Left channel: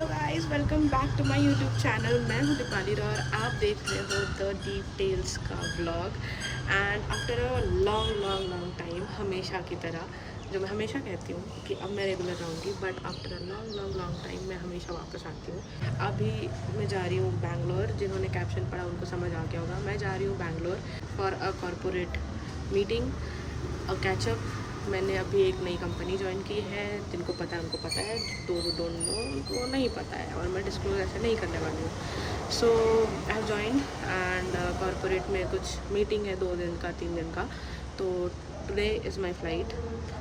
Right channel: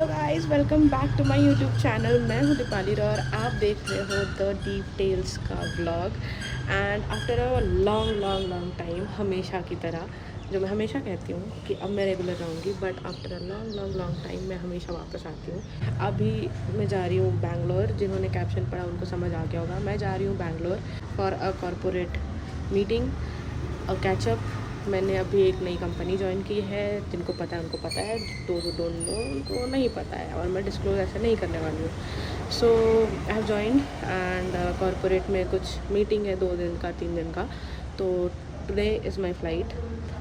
तो guys welcome back to my YouTube channel. मैं हूं दीपाली और आप देख रहे हो द डीप टेल्स का vlog. And after a long long long time, हमेशा की तरह, जो मैं हमेशा कहती हूँ कि अब मैं रेगुलर रहूँगी, but after a long long long time मैं हमेशा वापस आती हूँ। अभी मैं जा रही हूँ बैंगलोर। जिन्होंने कैप्शन पढ़ा उनको समझ आ गया होगा। मैं जा रही हूँ Bangalore for a corporate meeting, a catch up. मैंने अभी एक नई कंपनी ज्वाइन की है। जिनको पता है उनको पता है, दो डोंट नो उनको नहीं पता है, और मैं डिस्क्लोज ऐसे नहीं करने वाली हूँ। So I have join and corporate में कुछ मीटिंग है 2 दिन का 3 दिन का। तो today is my flight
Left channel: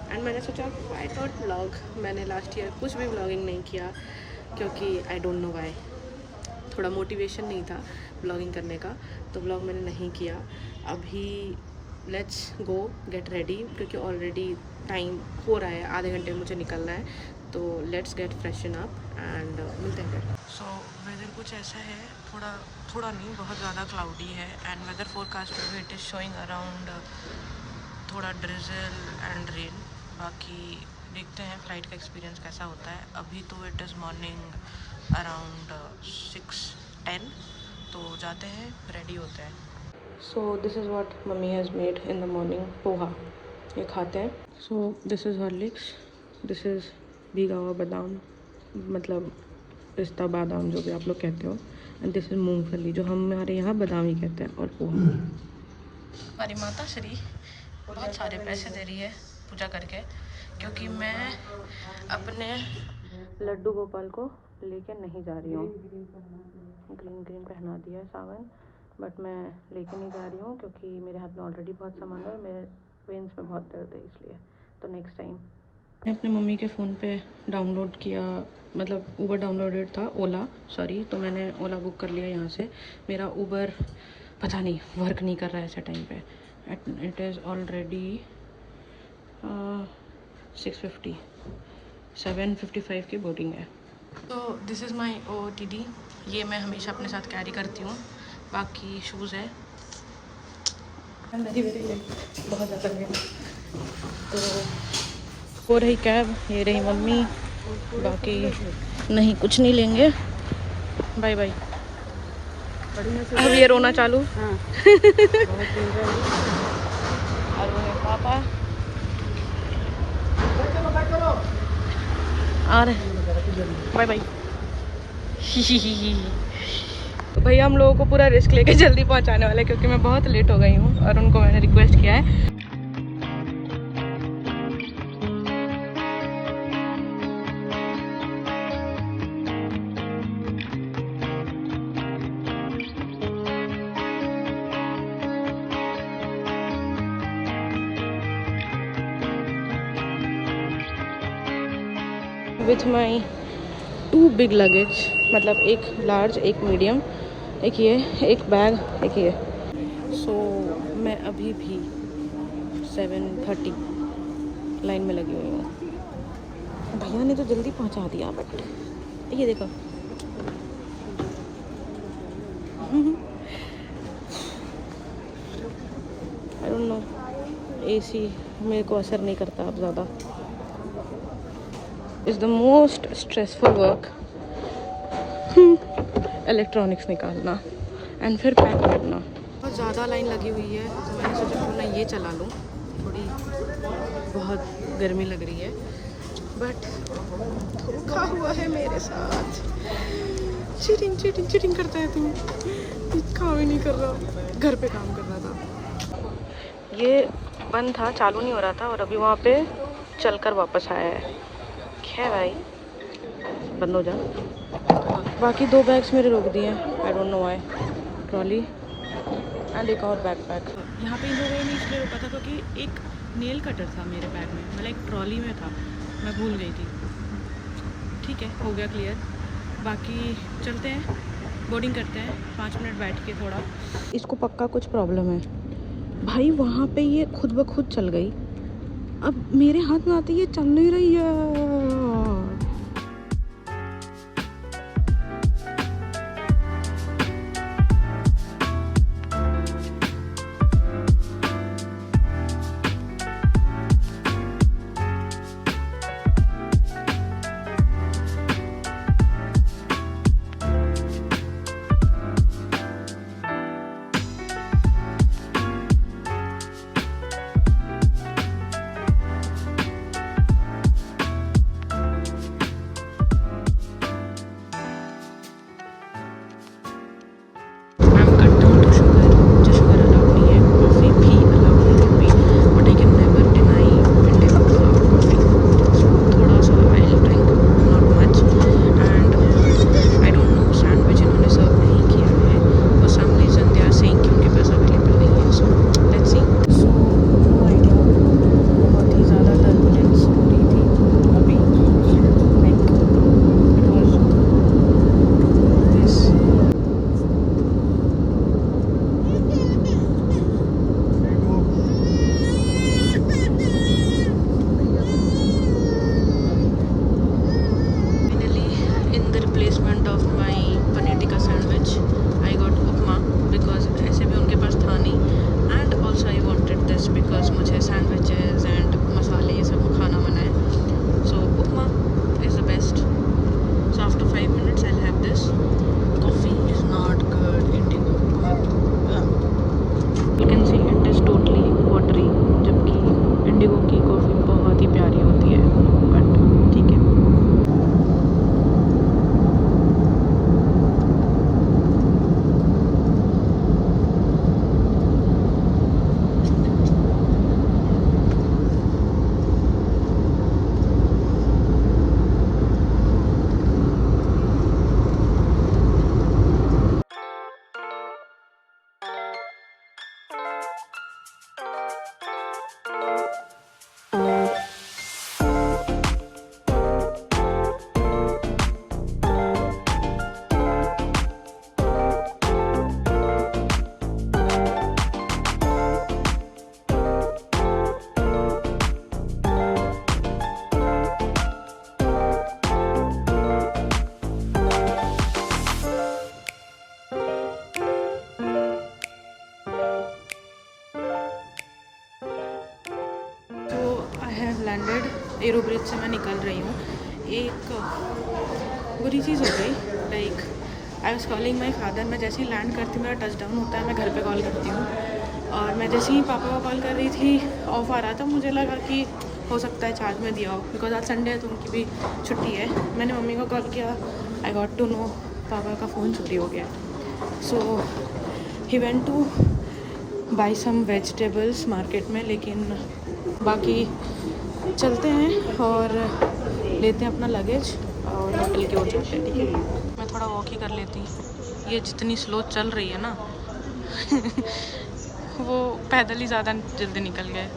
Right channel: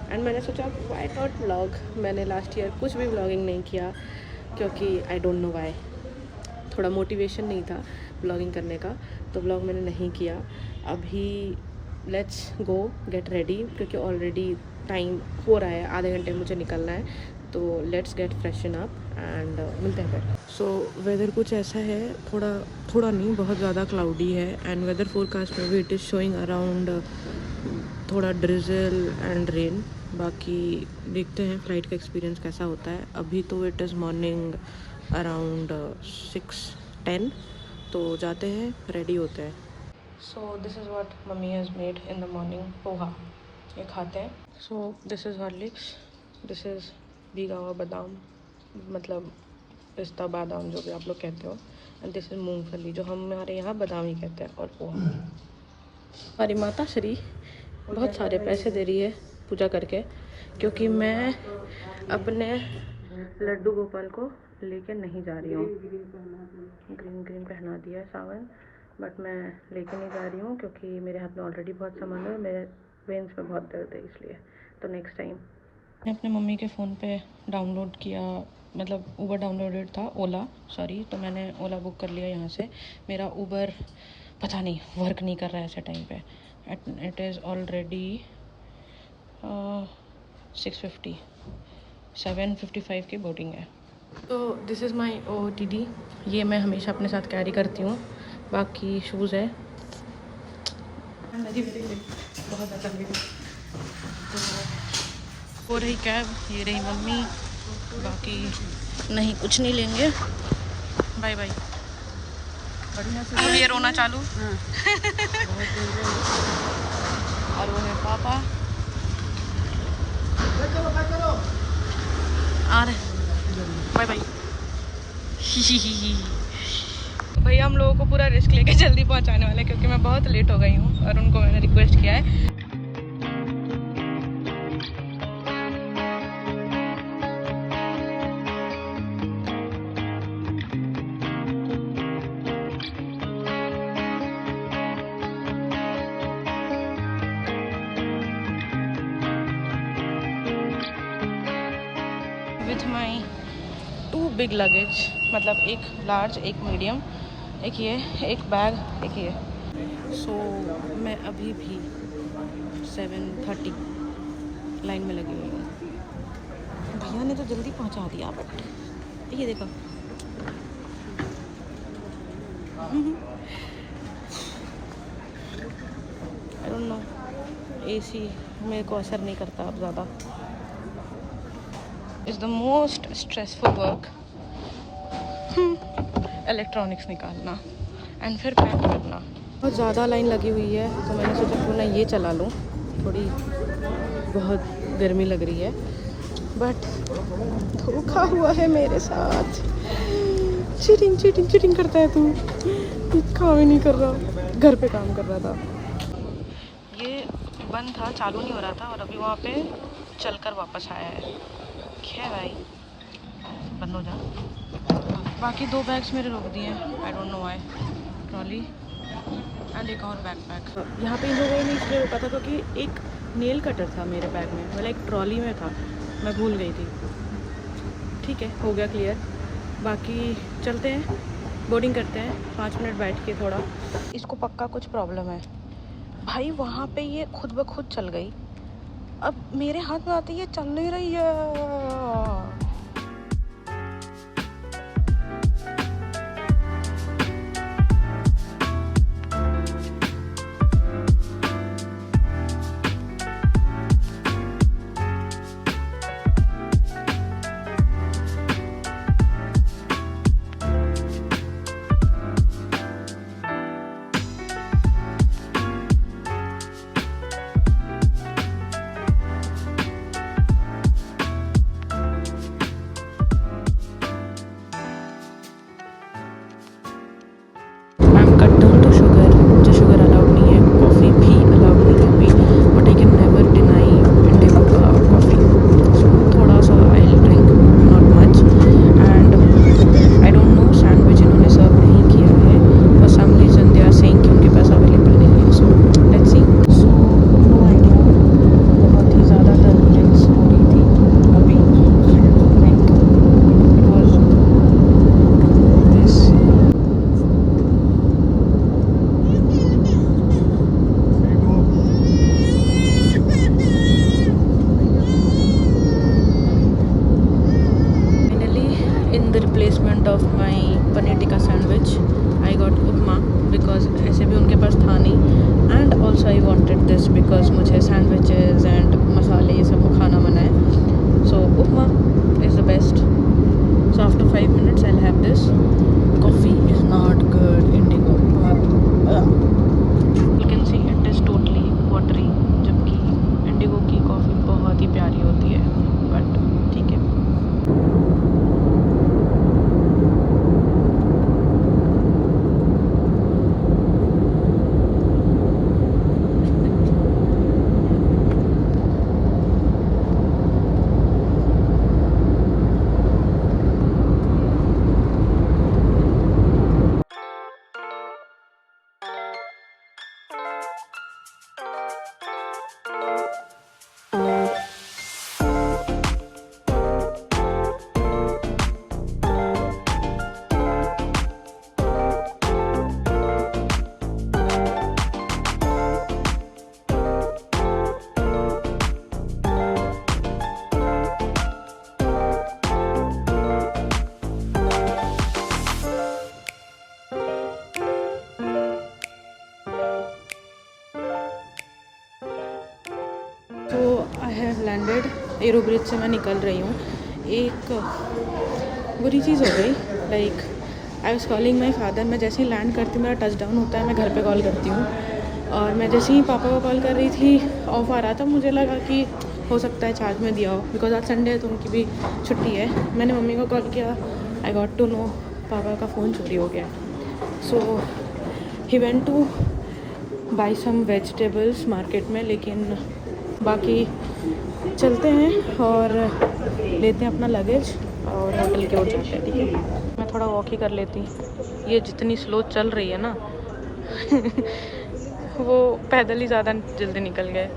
and मैंने सोचा वाई नॉट व्लॉग। मैंने लास्ट ईयर कुछ भी व्लॉगिंग नहीं किया क्योंकि आई डोंट नो वाई, थोड़ा मोटिवेशन नहीं था ब्लॉगिंग करने का, तो ब्लॉग मैंने नहीं किया। अभी लेट्स गो गेट रेडी, क्योंकि ऑलरेडी टाइम हो रहा है, आधे घंटे मुझे निकलना है। तो let's get freshen up and मिलते हैं फिर। सो वेदर कुछ ऐसा है, थोड़ा थोड़ा नहीं, बहुत ज़्यादा क्लाउडी है। एंड वेदर फोरकास्ट में भी इट इज़ शोइंग अराउंड थोड़ा ड्रिजल एंड रेन। बाकी देखते हैं फ़्लाइट का एक्सपीरियंस कैसा होता है। अभी तो इट इज़ मॉर्निंग अराउंड 6:10, तो जाते हैं, रेडी होते हैं। So this is what mummy has made in the morning, poha, ये खाते हैं। So this is Horlicks, this is भीगा हुआ बादाम, मतलब पिस्ता बादाम जो भी आप लोग कहते हो, एंड दिस इज़ मूंगफली, जो हमारे यहाँ बादाम ही कहते हैं, और पोहा। हमारी माता श्री बहुत सारे पैसे दे रही है पूजा करके, क्योंकि मैं अपने लड्डू गोपाल को लेके नहीं जा रही हूँ। ग्रीन ग्रीन पहना दिया है सावन, बट मैं लेके नहीं जा रही हूँ क्योंकि मेरे हाथ में ऑलरेडी बहुत सामान है और मेरे वेन्स में बहुत दर्द है, इसलिए। तो नेक्स्ट टाइम मैं अपने मम्मी के फ़ोन पे डाउनलोड किया, मतलब ऊबर डाउनलोडेड था, ओला सॉरी, तो मैंने ओला बुक कर लिया यहाँ से। मेरा ऊबर पता नहीं वर्क नहीं कर रहा है ऐसे टाइम पे। इट इज़ ऑलरेडी 6:50, 7:55 की बोर्डिंग है। तो दिस इज़ माई OOTD, ये मैं हमेशा अपने साथ कैरी करती हूँ। बाकी शूज़ है बहुत ज़्यादा। तो हो रही कैब, ये रही मम्मी, बाकी नहीं कुछ नहीं लेंगे, बाय बाय। अब ये रोना चालू। हाँ। और वो है पापा आ रहे, बाय बाय। भाई हम लोगों को पूरा रिस्क लेके जल्दी पहुंचाने वाले, क्योंकि मैं बहुत लेट हो गई हूँ और उनको मैंने रिक्वेस्ट किया है। विथ माई 2 बिग लगेज, मतलब एक लार्ज एक मीडियम, एक ये एक बैग एक ये। सो मैं अभी भी 7:30 लाइन में लगी हुई हूँ। भैया ने तो जल्दी पहुँचा दिया, बट ये देखो आई डोंट नो, AC मेरे को असर नहीं करता अब ज़्यादा। Is the most stressful work, electronics निकालना एंड फिर पैक करना। बहुत ज़्यादा लाइन लगी हुई है, तो मैंने सोचा क्यों ना ये चला लूँ, थोड़ी बहुत गर्मी लग रही है। बट धोखा हुआ है मेरे साथ, चीटिंग चीटिंग चीटिंग करता है तू, काम ही नहीं कर रहा, घर पे काम कर रहा था। ये बंद था, चालू नहीं हो रहा था, और अभी वहाँ पे चलकर वापस आया है। क्या भाई, बंद हो जा। बाकी 2 बैग्स मेरे रोक दिए, I don't know why. Trolley and एक और बैकपैक। यहाँ पे इन लोगों ने इसलिए रोका था क्योंकि एक नेल कटर था मेरे बैग में, मतलब एक ट्रॉली में था, मैं भूल गई थी। ठीक है, हो गया क्लियर। बाकी चलते हैं, बोर्डिंग करते हैं, 5 मिनट बैठ के थोड़ा। इसको पक्का कुछ प्रॉब्लम है भाई, वहाँ पे ये खुद ब खुद चल गई, अब मेरे हाथ में आते ये चल नहीं रही है। the replacement of my paneer tikka sandwich, I got upma because ऐसे भी उनके पास था नहीं, and also I wanted this because मुझे sandwiches and मसाले ये सब खाना मना है, so upma is the best. So after 5 minutes I'll have this. Coffee is not good, Indigo. You can see it is totally watery, जबकि Indigo की coffee बहुत ही प्यारी होती है, बट ठीक है. I have landed. Arrow bridge से मैं निकल रही हूँ. एक बुरी चीज़ हो गई, like I was calling my father. मैं जैसे ही लैंड करती हूँ, मेरा टच डाउन होता है, मैं घर पे कॉल करती हूँ, और मैं जैसे ही पापा को कॉल कर रही थी, ऑफ आ रहा था, मुझे लगा कि हो सकता है चार्ज में दिया हो, बिकॉज आज संडे है तो उनकी भी छुट्टी है. मैंने मम्मी को कॉल किया, आई गॉट टू नो पापा का फ़ोन चोरी हो गया. So he went to buy some vegetables market में, लेकिन बाकी चलते हैं और लेते हैं अपना लगेज और होटल की ओर जाते हैं. ठीक है, मैं थोड़ा वॉक ही कर लेती. ये जितनी स्लो चल रही है ना वो पैदल ही ज़्यादा जल्दी निकल गए.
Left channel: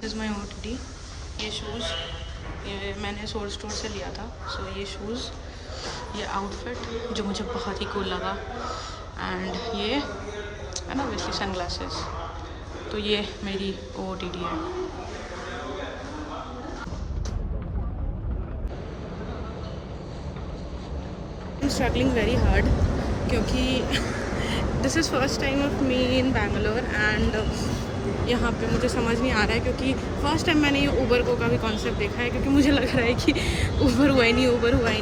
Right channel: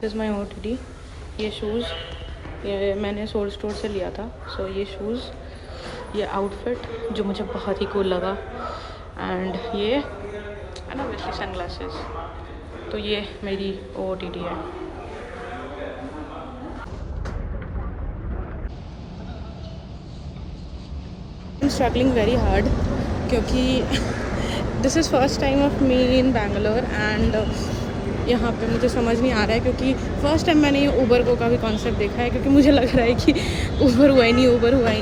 This is my OOTD. ये शूज़ ये मैंने सोल स्टोर से लिया था. सो ये शूज़, ये आउटफिट जो मुझे बहुत ही कूल लगा, एंड ये है ना वैसे सनग्लासेस. तो ये मेरी OOTD है. I am struggling very hard क्योंकि this is first time of me in Bangalore, and यहाँ पे मुझे समझ नहीं आ रहा है क्योंकि फ़र्स्ट टाइम मैंने ये ऊबर को का भी कॉन्सेप्ट देखा है, क्योंकि मुझे लग रहा है कि ऊबर हुआ ही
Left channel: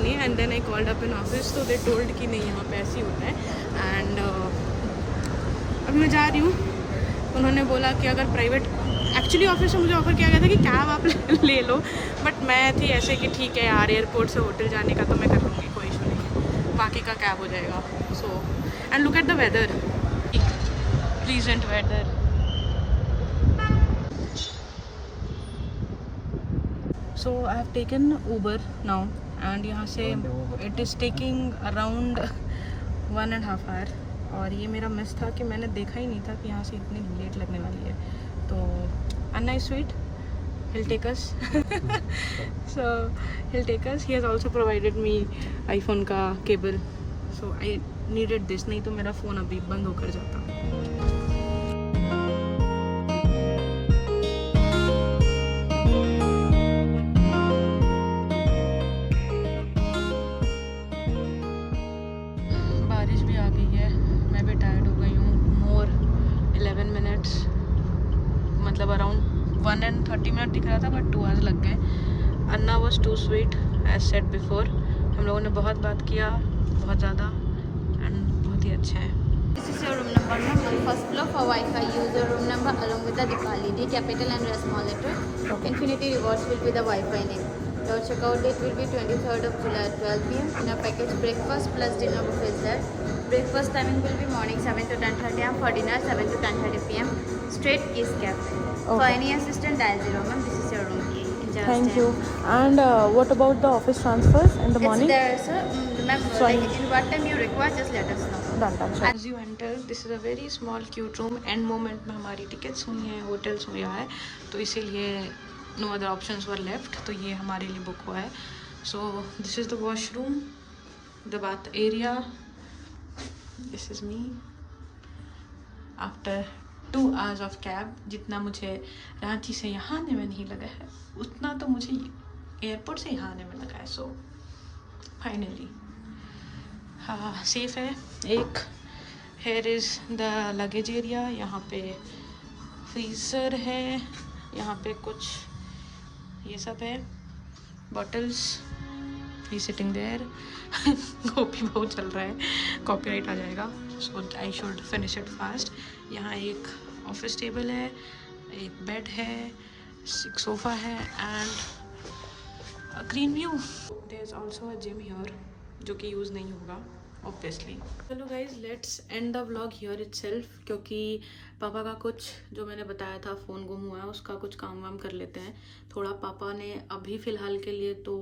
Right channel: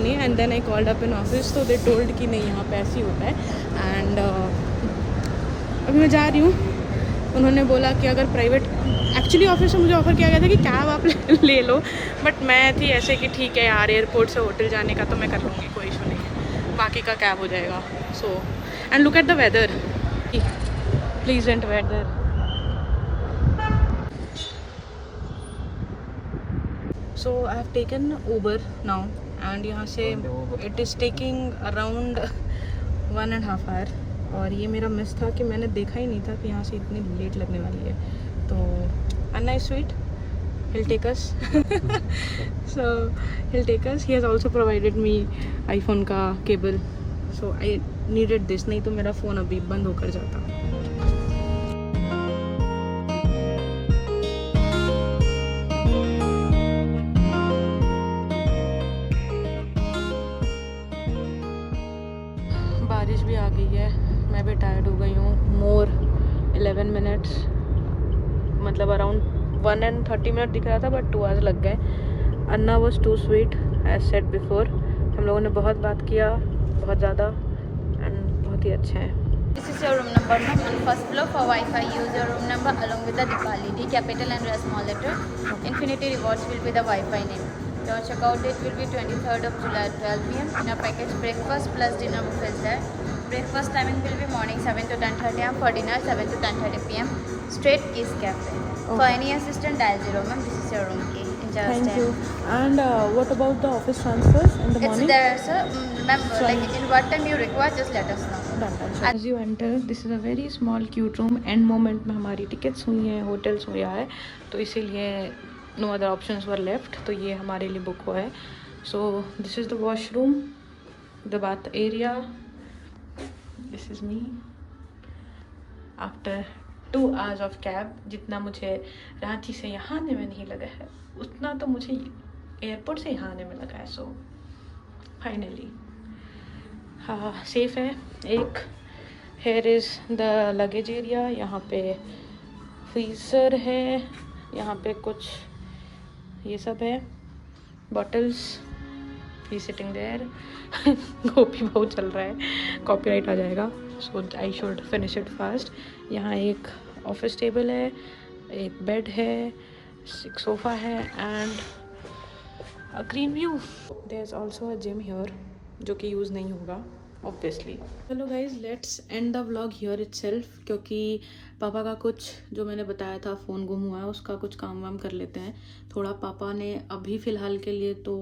नहीं. And then I called up in office, तो दे टोल्ड कि नहीं यहाँ पे ऐसे ही होता है. एंड अभी मैं जा रही हूँ. उन्होंने बोला कि अगर प्राइवेट, एक्चुअली ऑफिस से मुझे ऑफ़र किया गया था कि कैब आप ले लो, बट मैं थी ऐसे कि ठीक है यार, एयरपोर्ट से होटल जाने का तो मैं कर लूँगी, कोई इशू नहीं है, बाकी का कैब हो जाएगा. So and look at the weather, pleasant weather. So I have taken Uber now, and यहाँ से it is taking around 1.5 hour. और ये मेरा मिस था कि मैंने देखा ही नहीं था कि यहाँ से इतनी लेट लगने वाली है. तो Anna is sweet, he'll take us. So he'll take us. He has also provided me iPhone का cable, so I needed this, नहीं तो मेरा फ़ोन अभी बंद होकर जाता. बारिश भी आ गई है, मैं भी टायर्ड हो गई हूँ. मोर 11 मिनट्स, मतलब अराउंड 1 and 30 मिनट दिख रहा था, बट 2 आवर्स लग गए. Anna was too sweet as said before. हम लोगों ने बहुत बात किया, बहुत ज़्यादा, एंड बहुत ही अच्छा है. This is your room number. No, first floor for Wi-Fi. Use your room number along with the Dipali, the capital and the small letter. Infinity Rewards will be the Wi-Fi name. Your checkout date will be 23rd of July, 12 p.m. In a package breakfast plus dinner buffet is there. Breakfast timing will be morning 7 to 10:30 a.m. For dinner 7 to 10:30 p.m. Straight is kept. For any assistant, dial 0. Ma'am, this is your room. Thank you. And what about the office transfers in the morning? It's there, sir. Ma'am, what time you require, just let us know. Done. As you enter, this is a very small cute room. End moment में हमारी tickets हुई हैं, hotels हुआ है, तो इसीलिए no other options were left, तो ये हमारे लिए बुक हुआ है. So this is the washroom, the bath area. This is me after 2 hours of cab, जितना मुझे रांची से यहाँ आने में नहीं लगा है उतना तो मुझे एयरपोर्ट से यहाँ आने में लगा है। सो फाइनली हाँ सेफ है। एक here is the luggage area, यहाँ पे फ्रीज़र है, यहाँ पे कुछ ये सब है bottles, he sitting there. Gopi बहुत चल रहा है, कॉपीराइट आ जाएगा, so I should finish it fast. यहाँ एक ऑफिस टेबल है, एक बेड है, एक सोफ़ा है and a green view. There is also a gym here जो कि यूज़ नहीं होगा ऑब्वियसली। चलो guys let's end the vlog here itself, क्योंकि पापा का कुछ जो मैंने बताया था फ़ोन गुम हुआ है उसका कुछ काम वाम कर लेते हैं थोड़ा। पापा ने अभी फ़िलहाल के लिए तो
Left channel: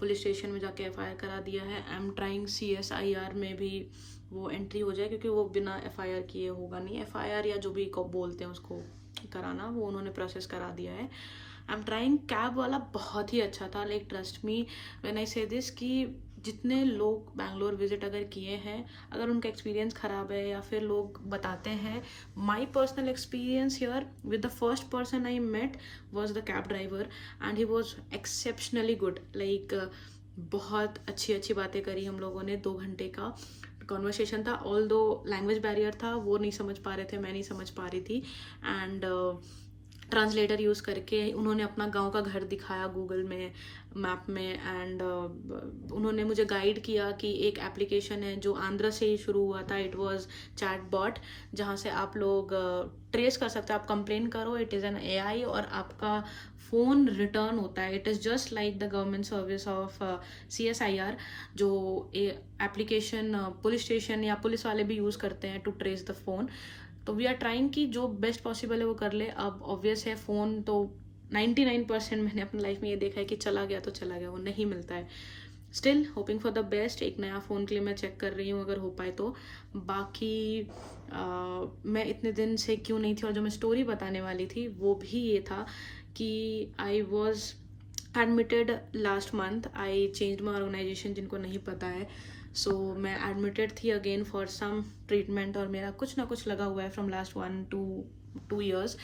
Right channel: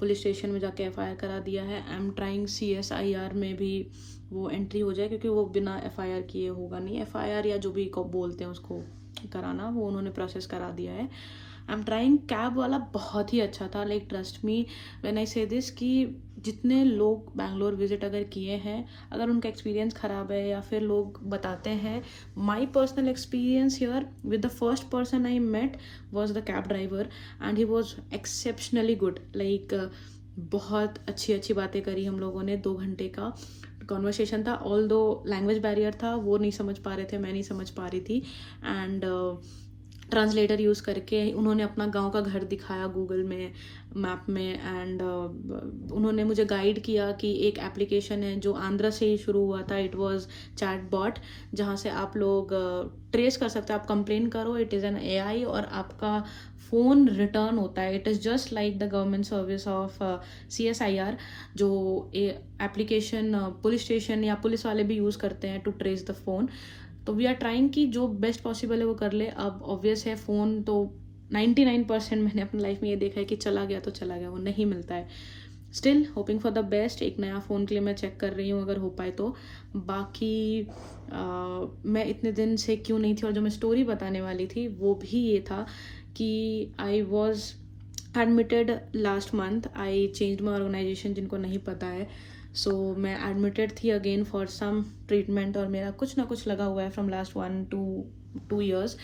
पुलिस स्टेशन में जाके FIR करा दिया है। आई एम ट्राइंग CSIR में भी वो एंट्री हो जाए, क्योंकि वो बिना FIR किए होगा नहीं। FIR या जो भी बोलते हैं उसको कराना, वो उन्होंने प्रोसेस करा दिया है। I am trying. कैब वाला बहुत ही अच्छा था, like trust me when I से दिस, कि जितने लोग बैंगलोर विजिट अगर किए हैं, अगर उनका एक्सपीरियंस ख़राब है या फिर लोग बताते हैं, my personal experience here with the first person I met was the cab driver and he was exceptionally good. Like बहुत अच्छी अच्छी बातें करी हम लोगों ने, 2 घंटे का कॉन्वर्सेशन था। ऑल दो लैंग्वेज बैरियर था, वो नहीं समझ पा रहे थे, मैं नहीं समझ पा रही थी, एंड ट्रांसलेटर यूज़ करके उन्होंने अपना गांव का घर दिखाया गूगल में मैप में, एंड उन्होंने मुझे गाइड किया कि एक एप्लीकेशन है जो आंध्रा से ही शुरू हुआ था, इट वाज चैट बॉट, जहाँ से आप लोग ट्रेस कर सकते हो। आप कंप्लेन करो, इट इज़ एन AI और आपका फ़ोन रिटर्न होता है। It is just like the government service of CSIR, जो एप्लीकेशन पुलिस स्टेशन या पुलिस वाले भी यूज़ करते हैं टू ट्रेस द फ़ोन। तो वी आर ट्राइंग कि जो बेस्ट पॉसिबल है वो कर ले। अब ऑब्वियस है फ़ोन तो 99% मैंने अपनी लाइफ में ये देखा है कि चला गया तो चला गया, वो नहीं मिलता है। Still hoping for the best. एक नया फ़ोन के लिए मैं चेक कर रही हूँ अगर हो पाए तो। बाकी मैं इतने दिन से क्यों नहीं थी, और जो मैं स्टोरी बताने वाली थी वो भी ये था कि I was admitted last month. I change my organisation, जिनको नहीं पता है। सो मैं एडमिटेड थी अगेन फॉर सम ट्रीटमेंट, और मेरा कुछ ना कुछ लगा हुआ है फ्रॉम लास्ट 1 to 2 years।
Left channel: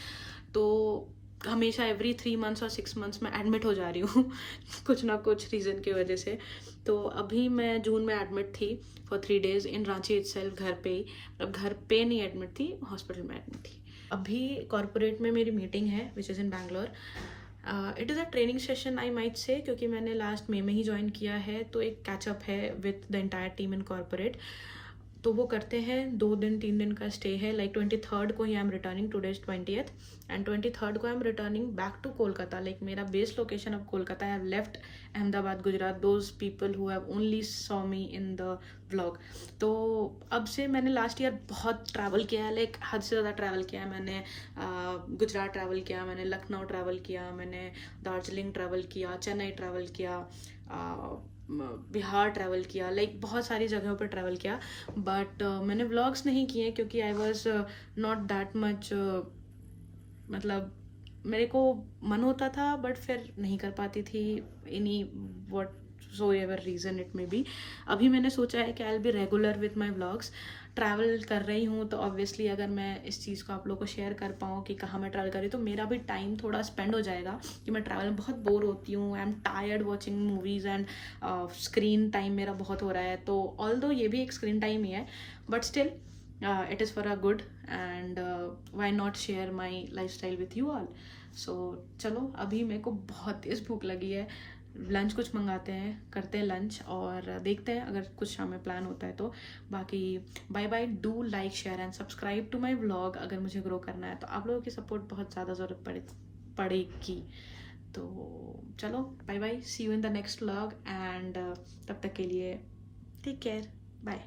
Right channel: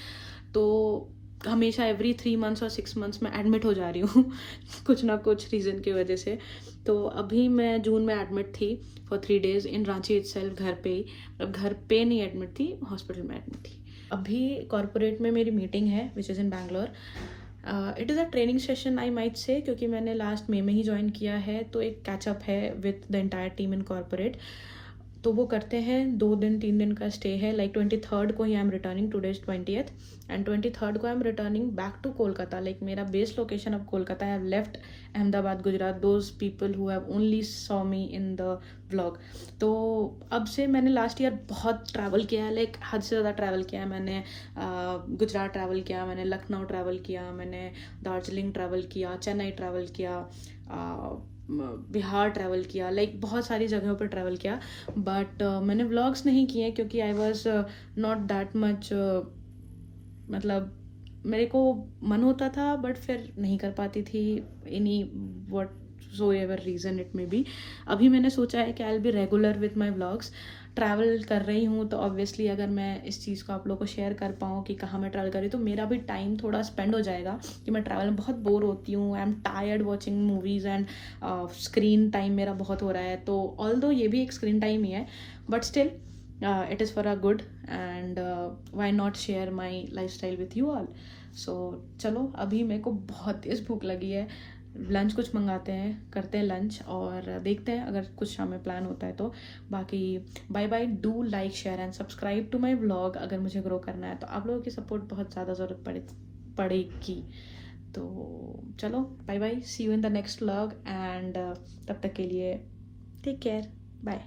तो हमेशा एवरी 3 months और 6 months में एडमिट हो जा रही हूँ कुछ ना कुछ रीज़न की वजह से। तो अभी मैं जून में एडमिट थी for 3 days in Ranchi itself, घर पे ही। अब घर पे नहीं एडमिट थी, हॉस्पिटल में एडमिट थी। अभी कॉर्पोरेट में मेरी मीटिंग है which is in Bangalore. It is a training session I might say, क्योंकि मैंने लास्ट मई में ही ज्वाइन किया है, तो एक कैचअप है with the entire team in corporate. तो वो करते हैं 2 दिन 3 दिन का स्टे है। लाइक 23rd को ही I am returning, today is 20th, and 23rd को I am returning back to Kolkata. Like मेरा बेस लोकेशन अब कोलकाता है। I have left Ahmedabad Gujarat, those people who have only saw me in the vlog. तो अब से मैंने लास्ट ईयर बहुत travel किया है, लाइक हद से ज़्यादा ट्रैवल किया है मैंने। गुजरात ट्रैवल किया मैंने, लखनऊ ट्रैवल किया मैंने, दार्जिलिंग ट्रैवल किया, चेन्नई ट्रैवल किया, बिहार ट्रैवल किया, लाइक बहुत सारी जगहों पर ट्रैवल किया। बट मैंने व्लॉग्स नहीं किए क्योंकि I was not that much, मतलब मेरे को मन होता था बट फिर नहीं कर पाती थी, any what so ever reason it may be. अभी मैंने सोचा है कि I will be regular with my vlogs. Travel कर रही हूँ तो ऑब्वियसली अगर मैं इस चीज़ को आप लोगों को शेयर कर पाऊँ कि कहाँ मैं ट्रैवल कर रही हूँ, तो मेरा भी टाइम थोड़ा स्पेंड हो जाएगा। कि मैं ट्रैवल में बहुत बोर होती हूँ, I am tired watching movies and screen time मेरा बहुत हो रहा है। तो ऑल्दो ये भी एक स्क्रीन टाइम ही है, but still it is for a good, and why not share my lifestyle with you all। so चलो अभी मेरे को बहुत तेज़ भूख लगी है, लंच कुछ मंगाते हैं, करते हैं लंच और देखते हैं अगर कुछ शाम में प्लान होता है तो। बाकी bye bye, do like share and subscribe to my vlog अगर मुझे ग्रो करना है तो। आप लोगों की सपोर्ट बहुत ज़्यादा ज़रूरत पड़ेगी। तो चलो bye bye, see you in the next vlog, and तब तक के लिए टेक केयर, बाय।